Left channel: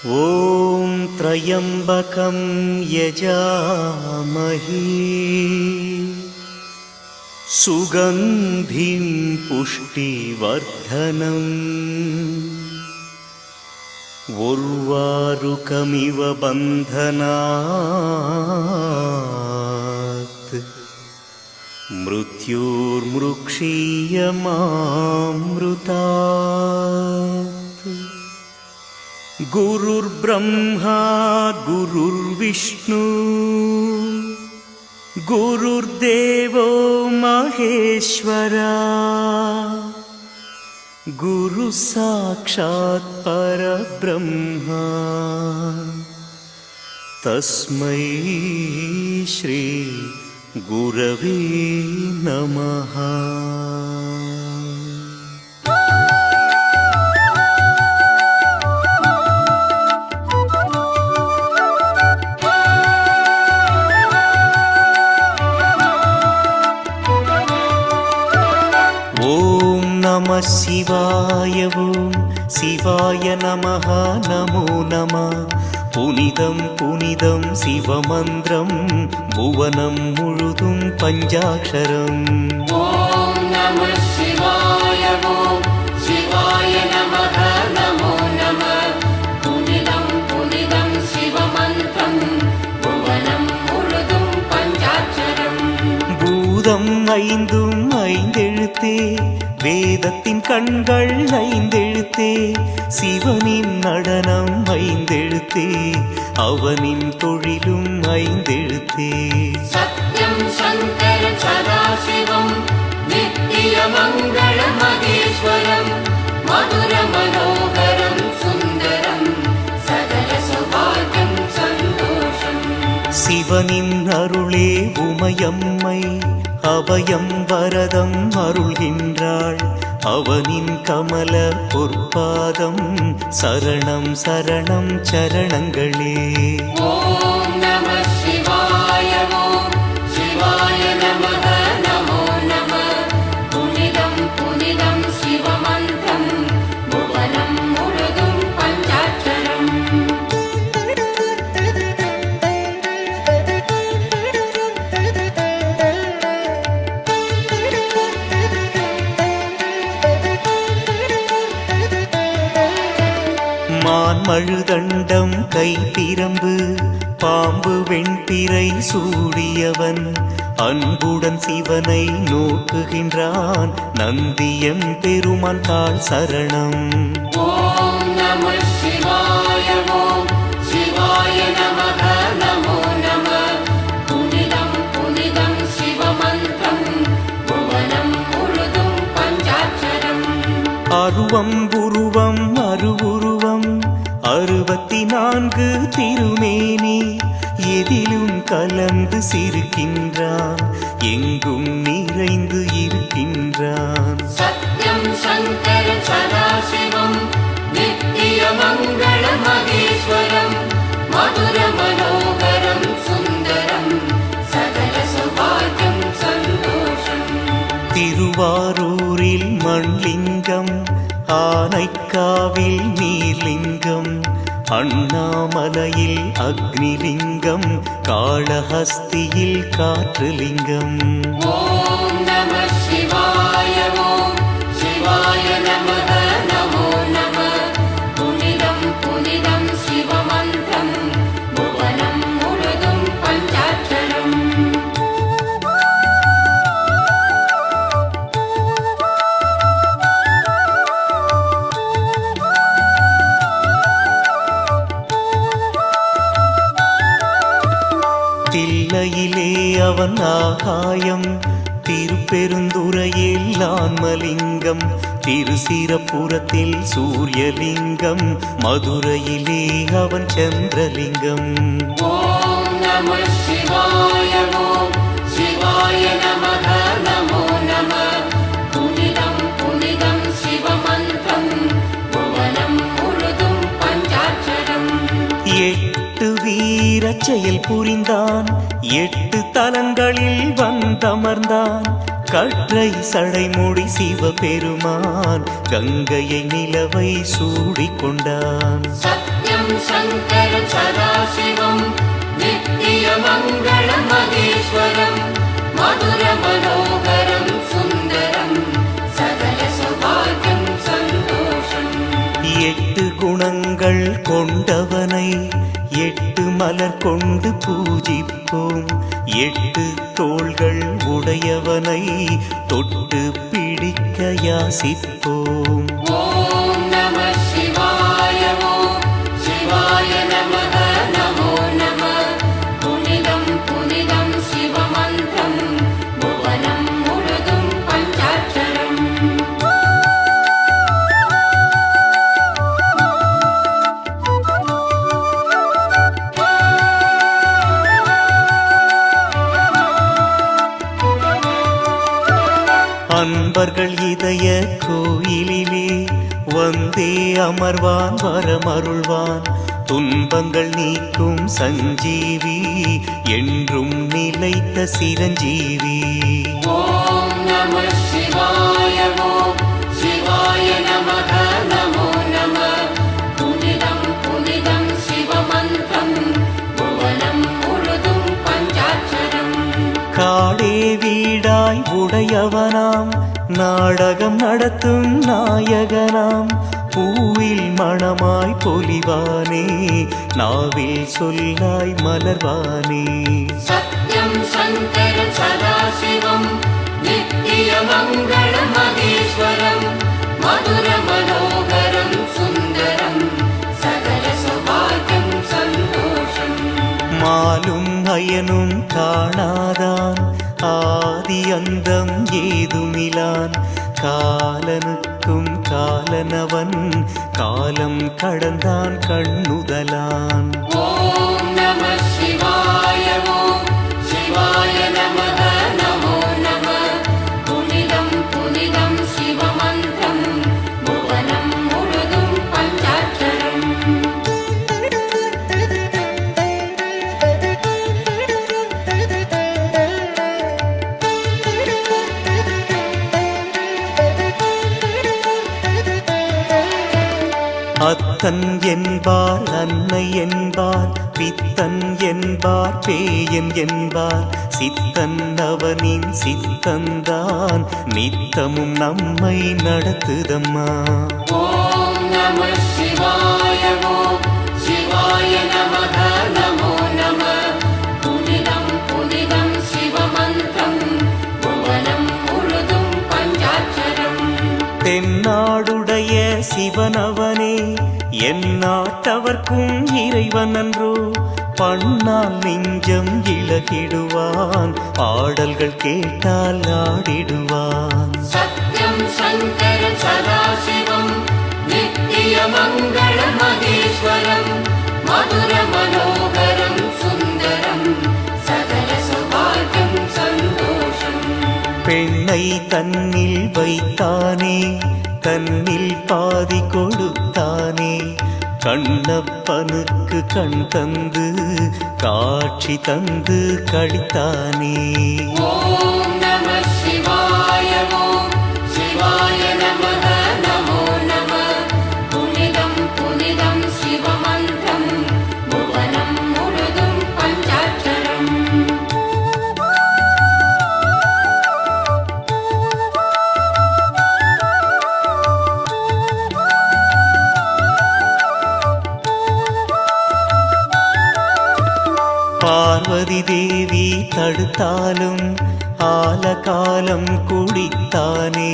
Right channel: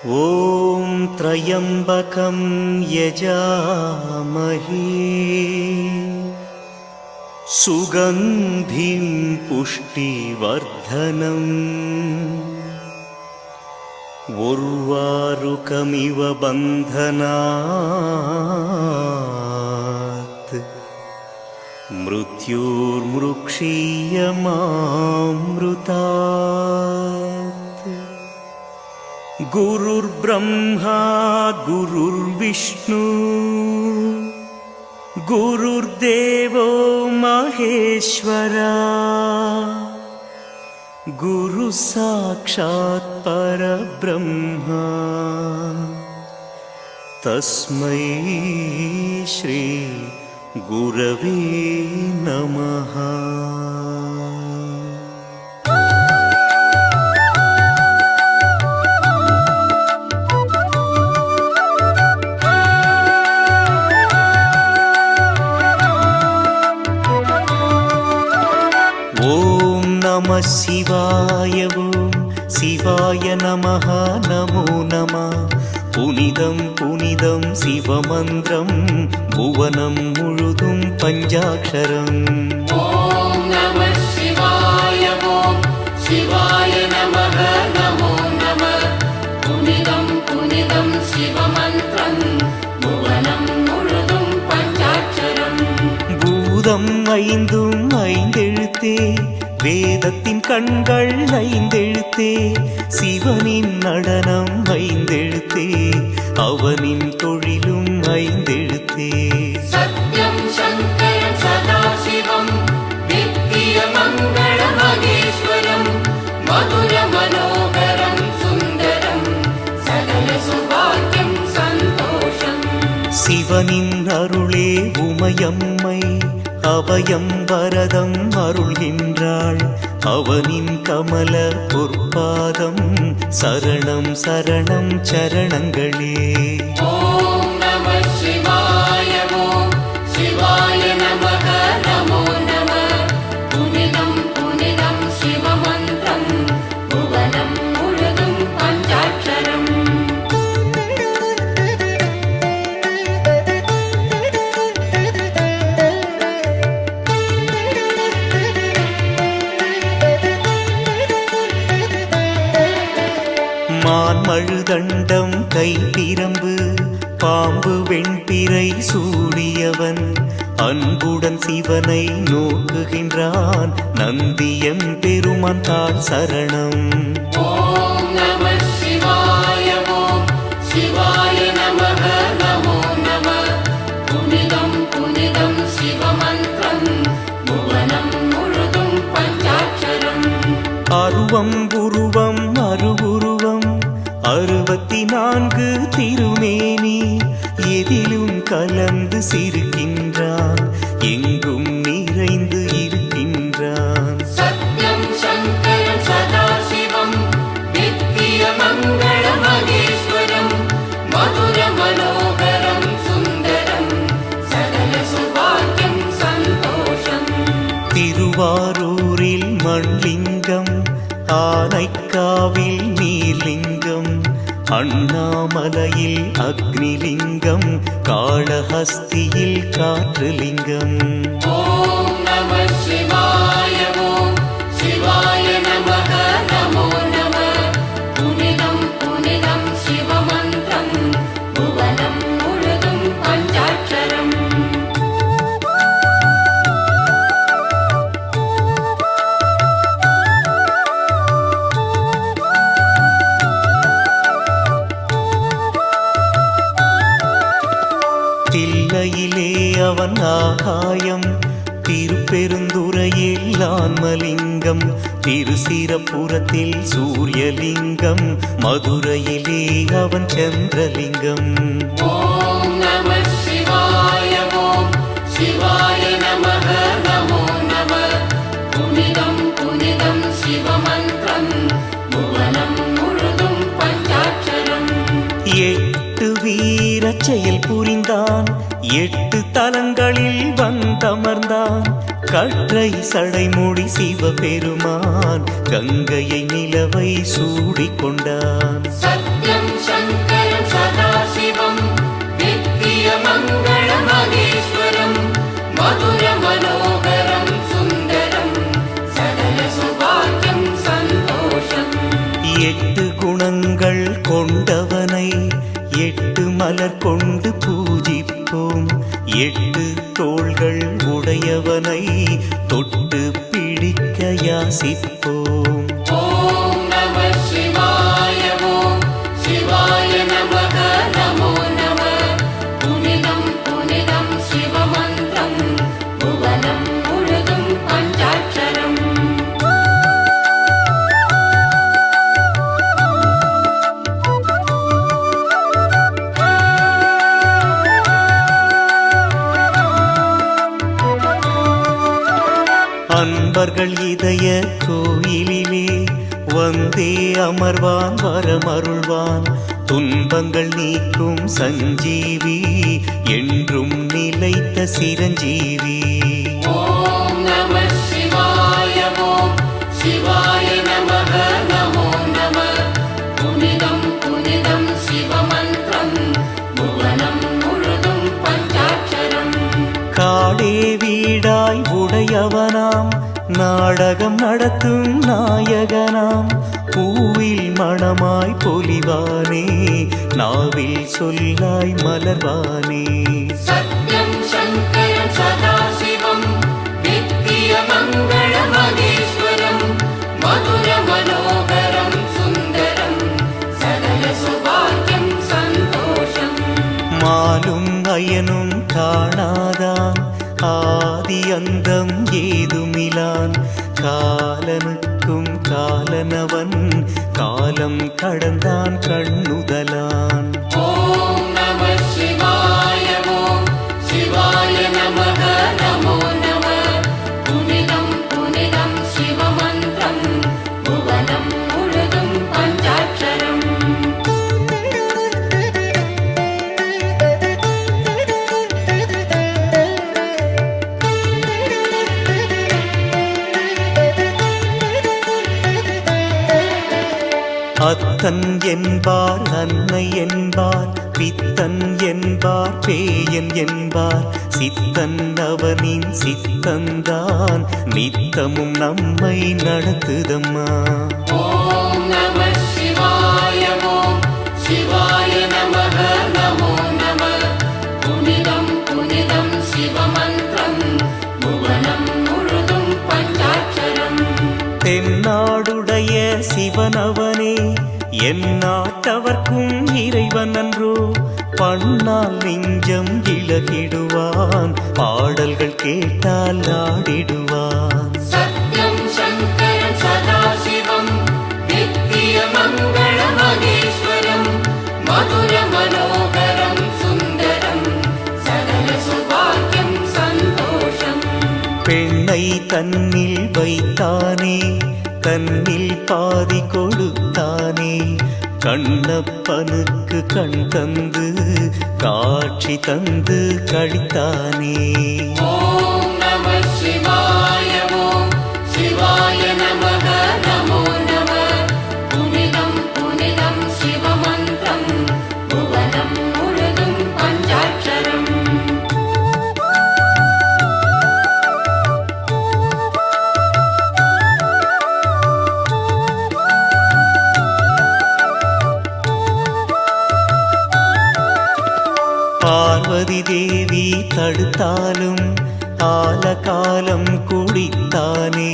ॐ त्र्यम्बकं यजामहे सुगन्धिं पुष्टिवर्धनम् उर्वारुकमिव बन्धनात् मृत्युर्मृक्षीयमामृतात्। गुरुर्ब्रह्मा गुरुर्विष्णु गुरुर्देवो महेश्वरा गुरुः साक्षात् परब्रह्मा तस्मै श्री गुरवे नमः। ॐ नमः शिवाय ॐ शिवाय नमः नमो नमः। पुनिदं पुनिदं शिवमन्त्रं भुवनं मुळुदुं पञ्चाक्षरम्। ॐ नमः शिवाय ॐ शिवाय नमः नमो नमः। पुनिदं पुनिदं शिवमन्त्रं भुवनं मुळुदुं पञ्चाक्षरम्। பூதம் ஐந்தும் ஐந்தெழுத்தே வேதத்தின் கண்கள் ஐந்தெழுத்தே சிவனின் நடனம் ஐந்தெழுத்தே அவனின் தொழிலும் ஐந்தெழுத்தே சத்யம் சங்கரம் சதாசிவம் நித்திய மங்கள மகேஸ்வரம் மதுர மனோகரம் சுந்தரம் சகல சுபாக்கியம் சந்தோஷம்। சிவனின் அருளே உமையம்மை அபயம் வரதம் அருள்கின்றாள் அவனின் கமல பொற்பாதம் சரணம் சரணம் சரணங்களே। ஓம் நமः சிவாய ஓம் சிவாய நமः நமோ நமः। புனிதம் புனிதம் சிவமந்திரம் புவனம் முழுதும் பஞ்சாட்சரம்। மான்மழுதண்டம் கைப்பிரம்பு பாம்பு வெண்பிறை சூடியவன் அன்புடன் சிவனை நோக்குகின்றான் நந்தியம் பெருமான் தாழ் சரணம்। ஓம் நமः சிவாய ஓம் சிவாய நமः நமோ நமः। புனிதம் புனிதம் சிவமந்திரம் புவனம் முழுதும் பஞ்சாட்சரம்। அருவம் உருவம் அருவுருவம் 64 திருமேனி எதிலும் கலந்து சிரிக்கின்றான் எங்கும் நிறைந்து இருக்கின்றான்। சத்யம் சங்கரம் சதாசிவம் நித்திய மங்கள மகேஸ்வரம் மதுர மனோகரம் சுந்தரம் சகல சுபாக்கியம் சந்தோஷம்। திருவாரூரில் மண்லிங்கம் ஆனைக்காவில் நீர்லிங்கம் அண்ணாமலையில் அக்னிலிங்கம் காளஹஸ்தியில் காற்றுலிங்கம்। ஓம் நமः சிவாய ஓம் சிவாய நமः நமோ நமः। புனிதம் புனிதம் சிவமந்திரம் புவனம் முழுதும் பஞ்சாட்சரம்। தில்லையிலே அவன் ஆகாயம் திருப்பெருந்துறையில் ஆன்மலிங்கம் திருசிரபுரத்தில் சூரியலிங்கம் மதுரையிலே அவன் சந்திரலிங்கம்। ஓம் நமः சிவாய ஓம் சிவாய நமः நமோ நமः। புனிதம் புனிதம் சிவமந்திரம் புவனம் முழுதும் பஞ்சாட்சரம்। 8 வீரச் செயல் புரிந்தான் 8 தலங்களில் வந்தமர்ந்தான் கற்றை சடைமுடி சிவபெருமான் கங்கையை நிலவை சூடிக்கொண்டான்। சத்யம் शङ्करं सदाशिवं नित्यमङ्गलमहेश्वरं मधुरमनोहरं सुन्दरं सकलसौभाग्यं सन्तोषम् எட்டு குணங்கள் கொண்டவனை எட்டு மலர் கொண்டு பூஜிப்போம். எட்டு தோள்கள் உடையவனை தொட்டு பிடிக்க யாசிப்போம். ॐ नमः शिवाय ॐ शिवाय नमः नमो नमः पुनिदं पुनिदं शिवमन्त्रं भुवनं मुळुदुं पञ्चाक्षरम् அன்பர்கள் இதய கோயிலிலே வந்தே அமர்வான் வரமருள்வான். துன்பங்கள் நீக்கும் சஞ்சீவி என்றும் நிலைத்த சிரஞ்சீவி. ॐ नमः शिवाय ॐ शिवाय नमः नमो नमः पुनिदं पुनिदं शिवमन्त्रं भुवनं मुळुदुं पञ्चाक्षरम् காடே வீடாய் உடையவனாம் நாடகம் நடத்தும் நாயகனாம். பூவில் மணமாய் பொலிவானே நாவில் சொல்லாய் மலர்வானே. सत्यं शङ्करं सदाशिवं नित्यमङ्गलमहेश्वरं मधुरमनोहरं सुन्दरं सकलसौभाग्यं सन्तोषम् மாலும் அயனும் காணாதான் ஆதி அந்தம் ஏதுமிலான். காலனுக்கும் காலனவன் காலம் கடந்தான் கண்ணுதலான். ॐ नमः शिवाय ॐ शिवाय नमः नमो नमः पुनिदं पुनिदं शिवमन्त्रं भुवनं मुळुदुं पञ्चाक्षरम् அத்தன் என்பார் அன்னை என்பார் பித்தன் என்பார் பேயன் என்பார். சித்தன் அவனின் சித்தந்தான் நித்தமும் நம்மை நடத்துதம்மா. ॐ नमः शिवाय ॐ शिवाय नमः नमो नमः पुनिदं पुनिदं शिवमन्त्रं भुवनं मुळुदुं पञ्चाक्षरम् தென்னாடுடைய சிவனவனே எந்நாட்டவர்க்கும் இறைவன் அன்றோ. பண்ணால் நெஞ்சம் இழகிடுவான் பாடல்கள் கேட்டால் ஆடிடுவான். सत्यं शङ्करं सदाशिवं नित्यमङ्गलमहेश्वरं मधुरमनोहरं सुन्दरं सकलसौभाग्यं सन्तोषम् பெண்ணை தன்னில் வைத்தானே தன்னில் பாதி கொடுத்தானே. கண்ணப்பனுக்கு கண் தந்து காட்சி தந்து கழித்தானே. ॐ नमः शिवाय ॐ शिवाय नमः नमो नमः पुनिदं पुनिदं शिवमन्त्रं भुवनं मुळुदुं पञ्चाक्षरम् பார்வதி தேவி தடுத்தாலும் ஆலகாலம் குடித்தானே.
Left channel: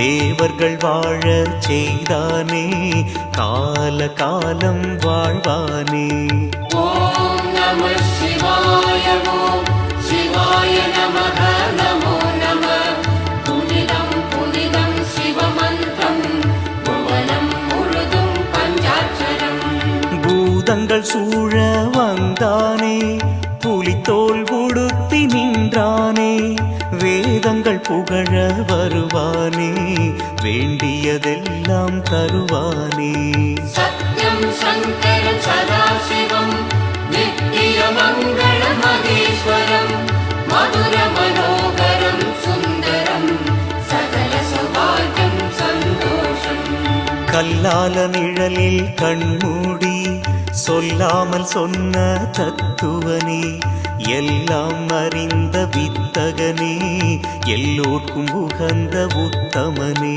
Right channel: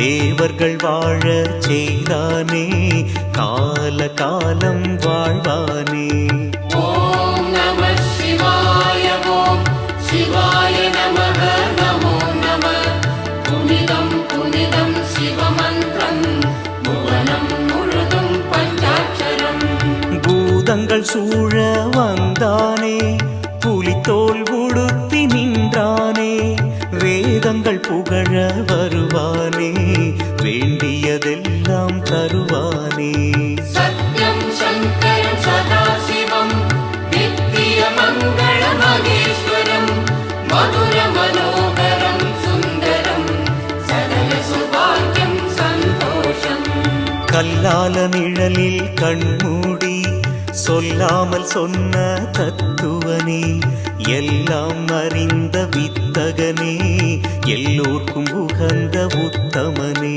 தேவர்கள் வாழ செய்தானே கால காலம் வாழ்வானே. ॐ नमः शिवाय ॐ शिवाय नमः नमो नमः पुनिदं पुनिदं शिवमन्त्रं भुवनं मुळुदुं पञ्चाक्षरम् பூதங்கள் சூழ வந்தானே புலித்தோல் உடுத்தி நின்றானே. வேதங்கள் புகழ வருவானே வேண்டியதெல்லாம் தருவானே. सत्यं शङ्करं सदाशिवं नित्यमङ्गलमहेश्वरं मधुरमनोहरं सुन्दरं सकलसौभाग्यं सन्तोषम् கல்லால நிழலில் கண்மூடி சொல்லாமல் சொன்ன தத்துவனே, எல்லாம் அறிந்த வித்தகனே, எல்லோர்க்கும் உகந்த உத்தமனே.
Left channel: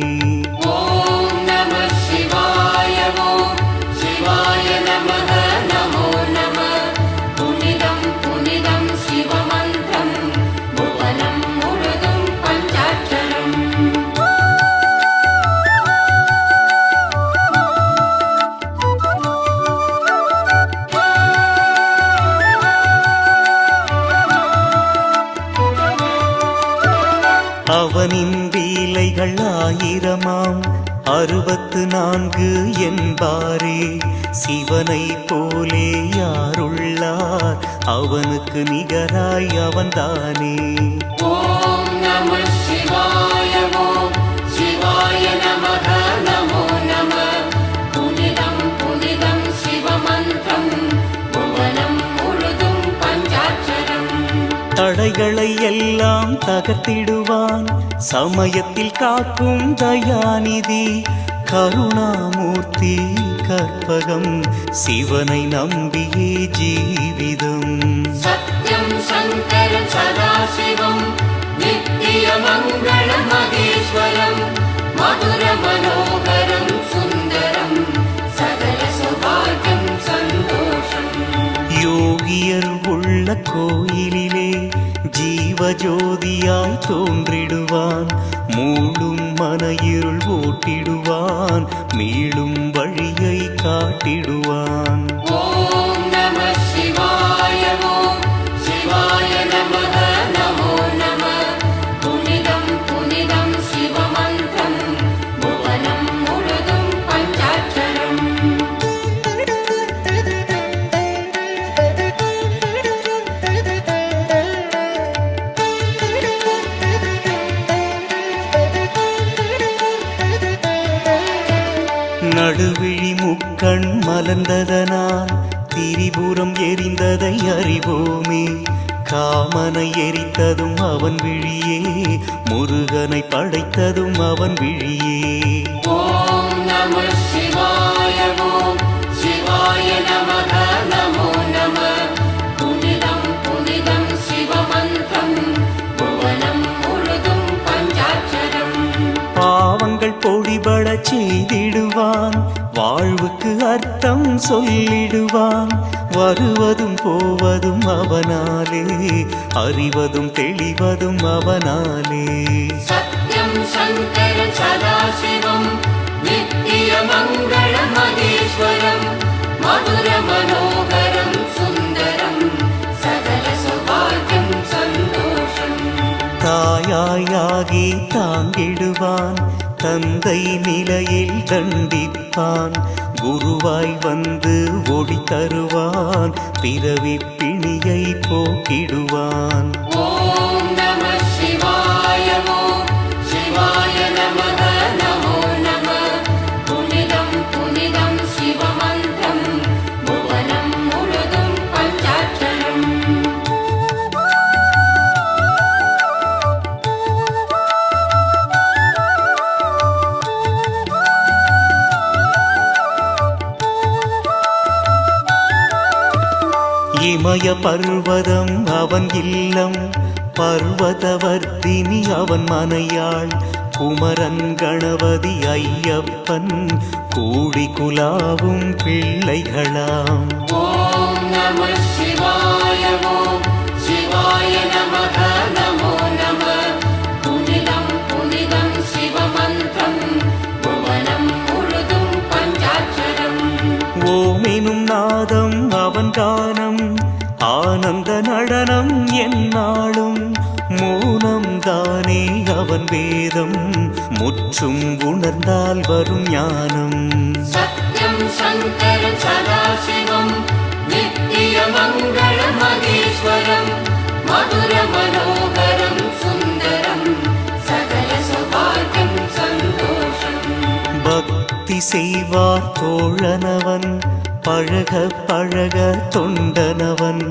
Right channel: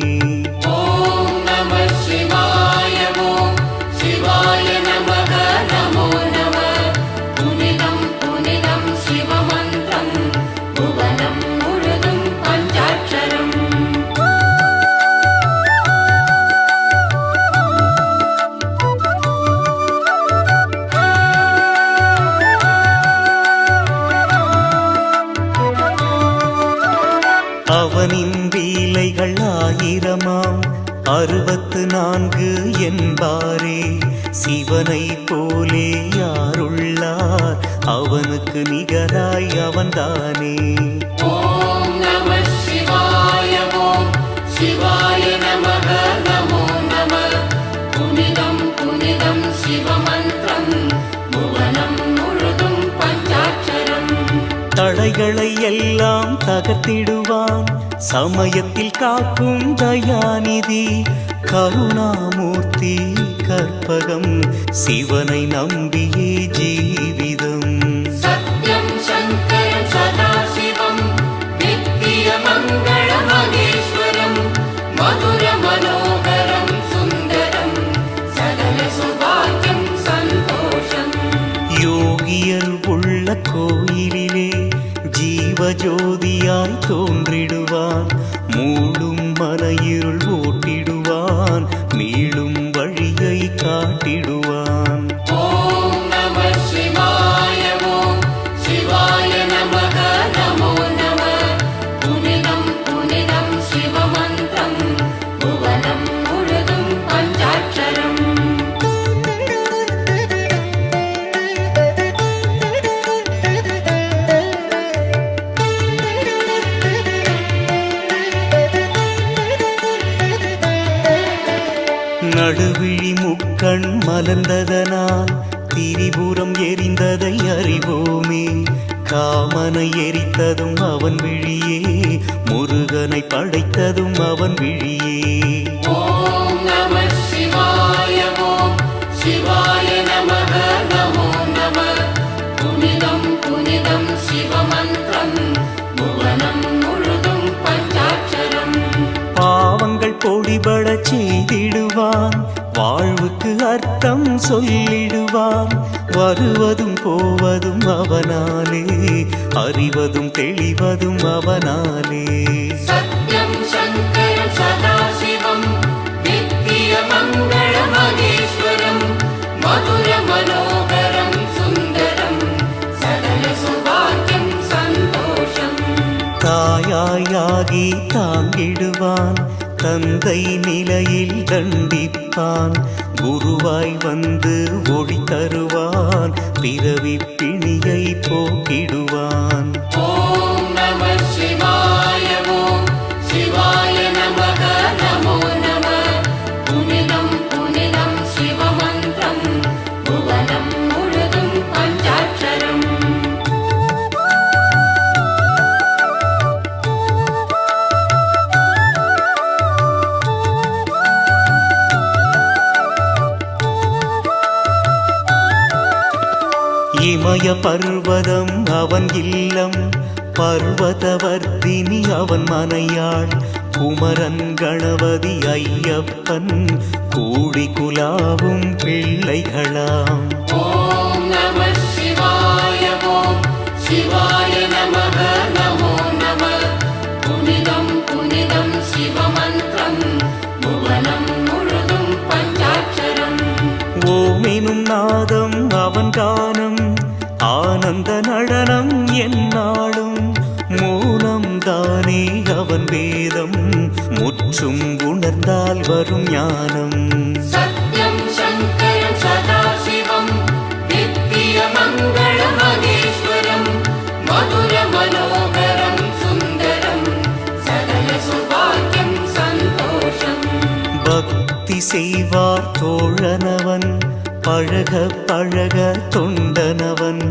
ஓம் நம சிவாய ஓம் சிவாய நமக நமோ நம. புனிதம் புனிதம் சிவமந்திரம் புவனம் முழுதும் பஞ்சாட்சரம். அவனின் லீலைகள் ஆயிரமாம் 64 என்பாரே. சிவனை போலே யாருள்ளார், அவனுக்கு நிகராய் அவன்தானே. ஓம் நம சிவாய ஓம் சிவாய நமக நமோ நம. புனிதம் புனிதம் சிவமந்திரம் புவனம் முழுதும் பஞ்சாட்சரம். தடைகளை எல்லாம் தகர்த்திடுவான், சமயத்தில் காக்கும் தயாநிதி. கருணாமூர்த்தி கற்பகம், சிவனை நம்பியே ஜீவிதம். சத்யம் சங்கரம் சதாசிவம் நித்திய மங்கள மகேஸ்வரம். மதுர மனோகரம் சுந்தரம் சகல சௌபாகியம் சந்தோஷம். யோகியர் உள்ள கோயிலிலே ஜீவஜோதியாய் தோன்றிடுவான். மூளும் மன இருள் ஓட்டிடுவான், மீளும் வழியை காட்டிடுவான். ஓம் நம சிவாய ஓம் சிவாய நமக நமோ நம. புனிதம் புனிதம் சிவமந்திரம் புவனம் முழுதும் பஞ்சாட்சரம். நடுவிழி முக்கண் மலர்ந்ததனால் திரிபுரம் எரிந்ததை அறிவோமே. காமனை எரித்ததும் அவன் விழியே, முருகனை படைத்ததும் அவன் விழியே. ஓம் நம சிவாய ஓம் சிவாய நமக நமோ நம. புனிதம் புனிதம் சிவமந்திரம் புவனம் முழுதும் பஞ்சாட்சரம். பாவங்கள் பொடிபடச் செய்திடுவான், வாழ்வுக்கு அர்த்தம் சொல்லிடுவான். வருவதும் போவதும் அவனாலே, அறிவதும் தெளிவதும் அவனாலே. சத்யம் சங்கரம் சதாசிவம் நித்திய மங்கள மகேஸ்வரம். மதுர மனோகரம் சுந்தரம் சகல சௌபாகியம் சந்தோஷம். தாயாயாகி தாங்கிடுவான், தந்தை நிலையில் தண்டிப்பான். குருவாய் வந்து ஒளி தருவான், பிறவி பிணியை போக்கிடுவான். ஓம் நம சிவாய ஓம் சிவாய நமக நமோ நம. புனிதம் புனிதம் சிவமந்திரம் புவனம் முழுதும் பஞ்சாட்சரம். இமய பர்வதம் அவன் இல்லம், பர்வதவர்த்தினி அவன் மனையாள். குமரன் கணபதி ஐயப்பன் கூடி குலாவும் பிள்ளைகளாம். ஓம் நம சிவாய ஓம் சிவாய நமக நமோ நம. புனிதம் புனிதம் சிவமந்திரம் புவனம் முழுதும் பஞ்சாட்சரம். ஓமெனும் நாதம் அவன் கானம், ஆனந்த நடனம் எந்நாளும். மௌனம் தானே அவன் வேதம், முற்றும் உணர்ந்தால் வரும் ஞானம். சத்யம் சங்கரம் சதாசிவம் நித்திய மங்கள மகேஸ்வரம். மதுர மனோகரம் சுந்தரம் சகல சௌபாகியம் சந்தோஷம். பக்தி செய்வார் தோழனவன், பழக பழக தொண்டனவன்.